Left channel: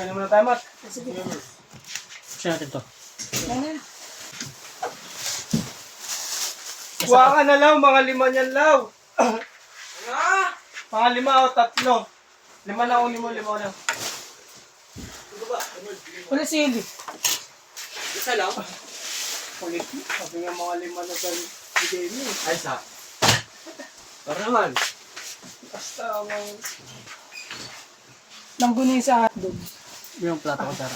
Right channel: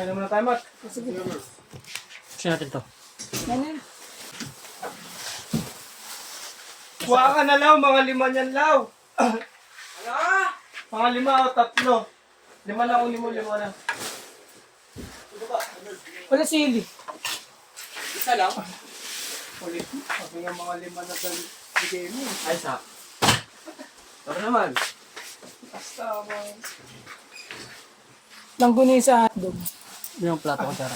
Kaya naman na tayo, Mat. Sige. Sino natin to? Ano? Kuha ka na lang, mga 5 niyan, Law. Mga 5 o 3. 5 lang o 5 lang. Wala sili. Isa lang? Ulit, sabi nga mga 5 na dahil bigay mo. Ay, isa. Tara naman. Basta ang Langguni sa hotdog. Yung plato ko, Tara.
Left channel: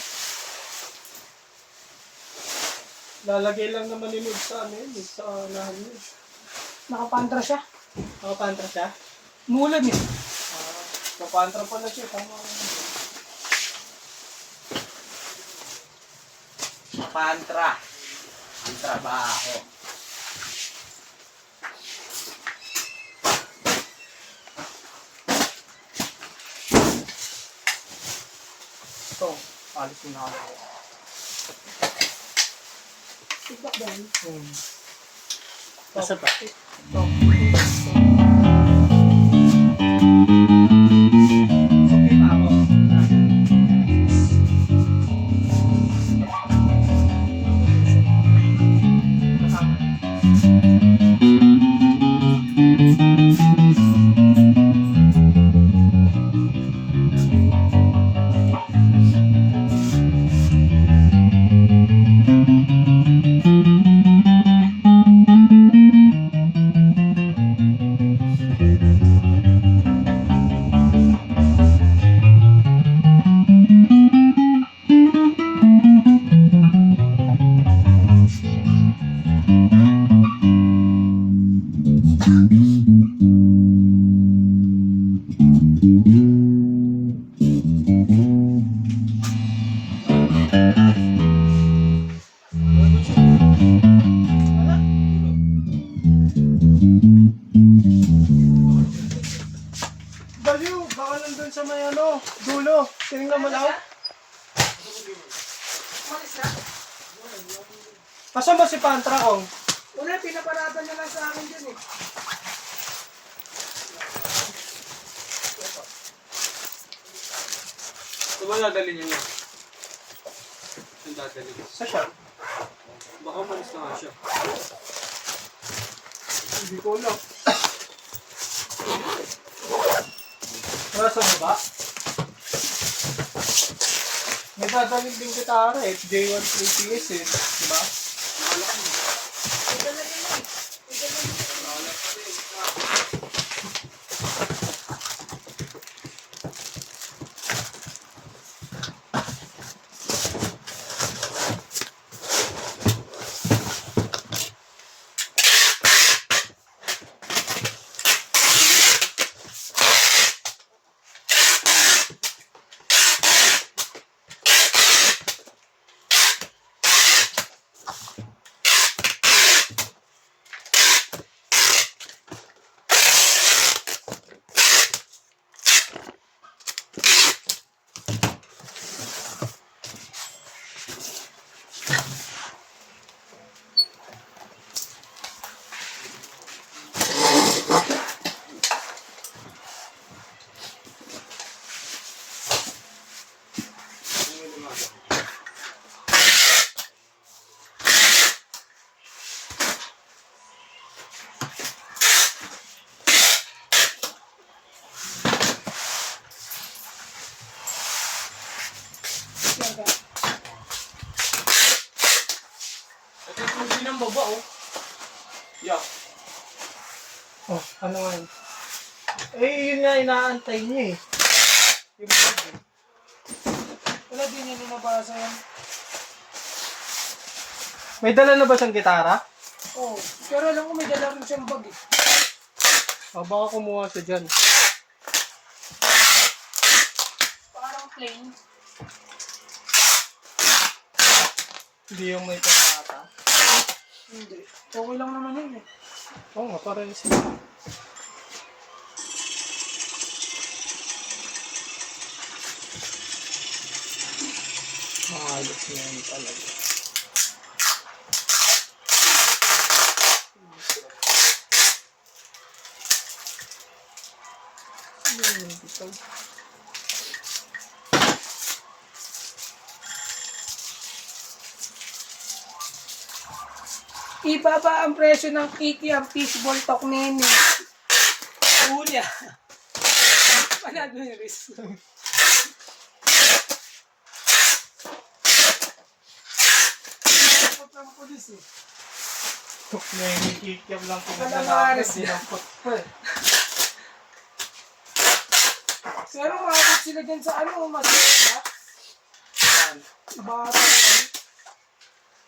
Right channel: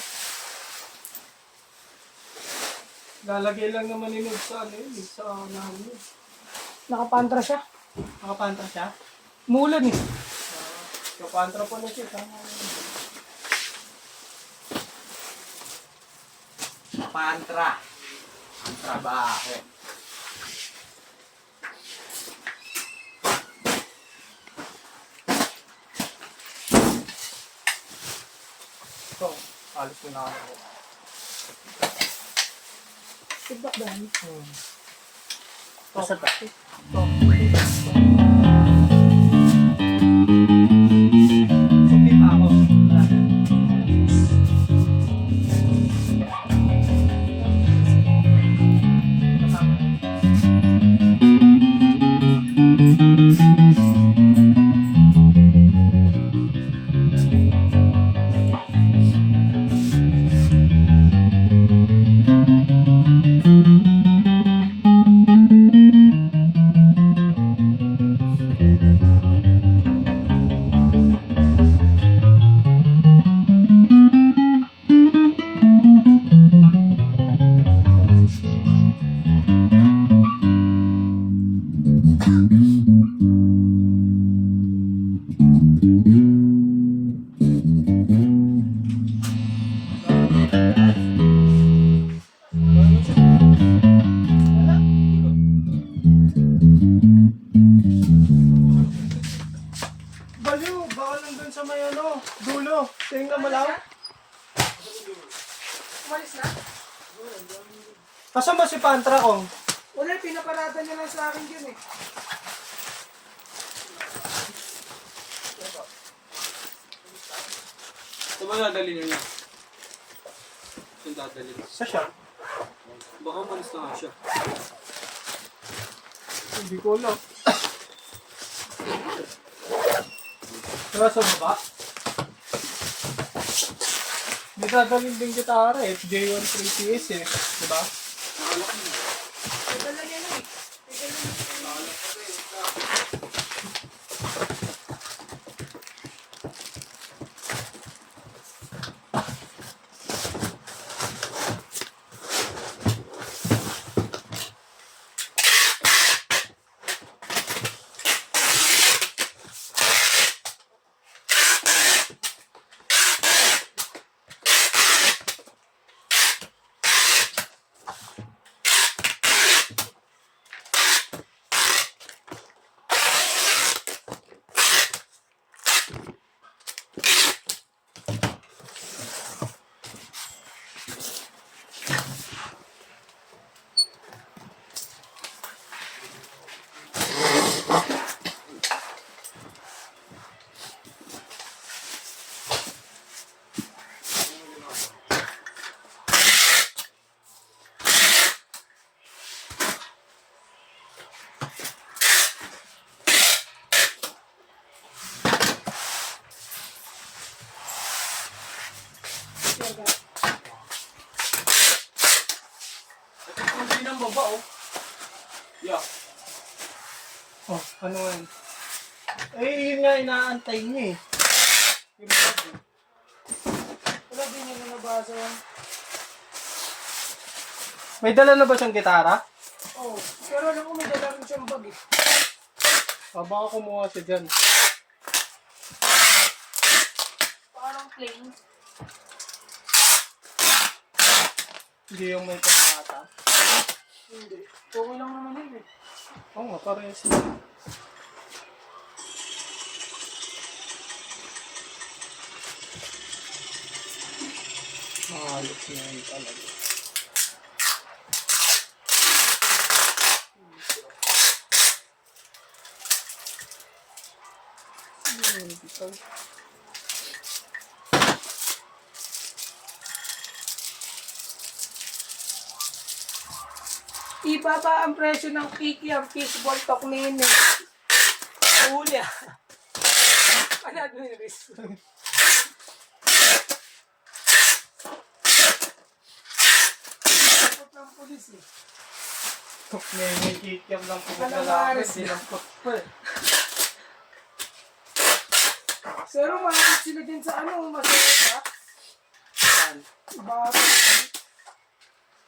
lalagay lang naman ni Nod sa ano yun, sa unahan yun. Nakapantra siya. Nakapantra siya. Mulan eh. Papantra pala siya. Tama. Pantra. Ang trabaho. Ito, alis ko na ako. Tigak ba yan? Nasa ta? Sukita ako. Baliw, baka nandun sa may ano, dulo. Tingnan mo lang. Umalis na? Kasama si Pantra kong? Wala, pinaparatan niya lang sa akin dyan eh. Ito ba dadalhin niyo niya? Ito dadalhin. Sa siya? Baka malis na nga siya. Hindi ko alam. Wala sa baba? May dadalhin din gitara eh. J1 ATS eh. Diba? Ito na yan eh. Ito na yan. Ito yung hindi ng baba oh. Yeah. Oh, ano nga yun? Eh, yun nga inaantay niya eh. Wala din nila nabasa yan. May dala na ba siyang gitara? Oo. Pero alam ko may dala rin siyang bag eh. O, baka kumuha siya dyan. Parang plain. Hindi yung may pangata. Hindi. Okay lang naman yun eh. Oo nga, parang yung sila. Mahalos na yun talaga. Ibaba ang presyo ng Kiki ang fishball tok nene. Una. Panado yung risk. Takot ang pulis eh. May kikiam lang po Wala na nga, namin. Aris. Dinampot pa eh. Pero maabot sila din sa ano, masaya. Bata.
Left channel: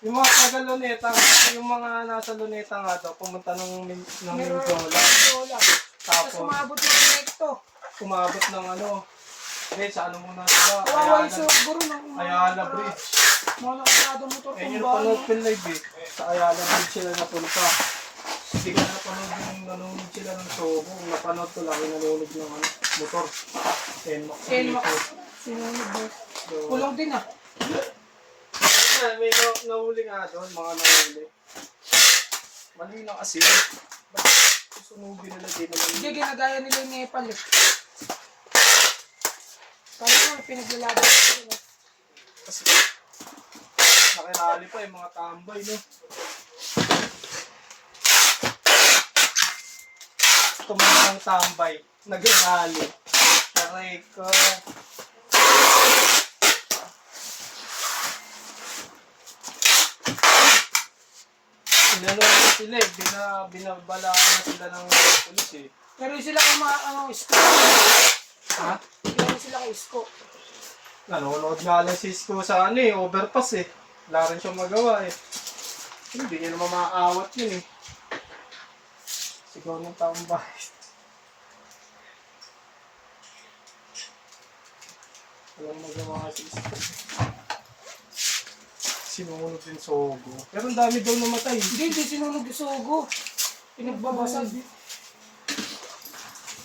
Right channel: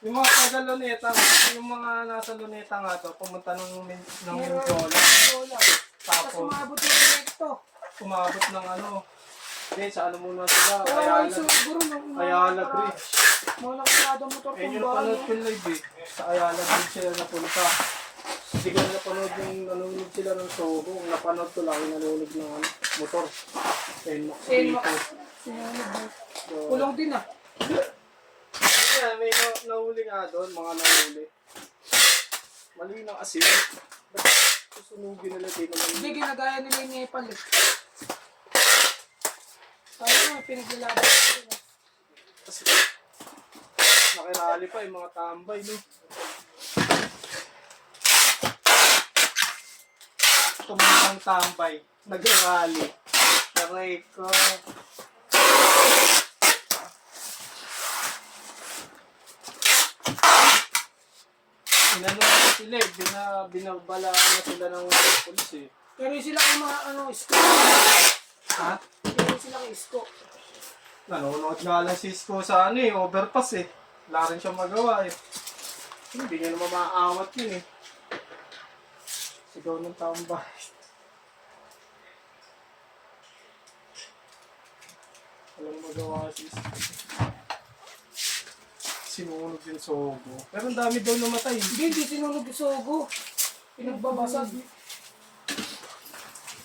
Yung mga taga Luneta, yung mga nasa Luneta nga daw, pumunta ng Mindoro. Lola. Tapos Tapos umabot yung direkto. umabot ng ano, sa ano muna sila, Kawawal Ayala, sa guro ng Ayala Bridge. mga nakasada motor Eh, kung yung ba. panood ko live eh. Sa Ayala Bridge sila napunta. Hindi ko na napanood yung nanonood sila ng Sogo. Ang napanood ko lang yung nanonood ng ano, motor. NMAX NMAX. dito. Sinunod ba? So, Kulong din ah. yeah, may nahuli nga doon, mga nahuli. Mali na kasi. Ba't susunugin nila din naman? Hindi, ginagaya nila yung Nepal eh. Kaya nga, pinaglalaban sila. Kasi nakirali pa yung mga tambay, no? Tumunang tambay, nag-rally. Taray ko. Inano na sila eh, binabalaan na sila ng polis eh. Pero yung sila kay Isko. Ha? Pero sila kay Isko. Nanonood nga lang si Isko sa ano eh, overpass eh. Wala rin siya magawa eh. Hindi niya naman maaawat yun eh. Sigaw ng tambay. Walang magawa si Isko. Sinunod yung Sogo. Pero ang dami daw namatay. Hindi sinunod yung Sogo. Pinagbabasag.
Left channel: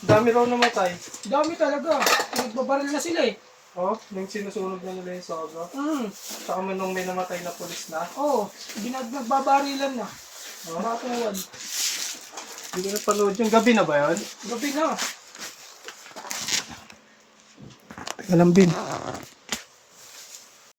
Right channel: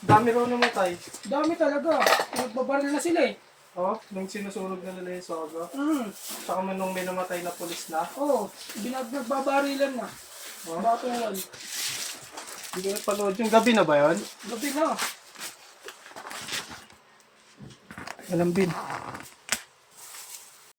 Dami raw namatay. Dami talaga. Pinagbabaril na sila eh. Oh, yung sinusunog na nila yung Sogo. Saka nung may namatay na pulis na. Oo. Nagbabarilan na. Oh, Bakit yan? hindi ko napanood yung gabi na ba yun? Gabi na. Teka lang, Bin.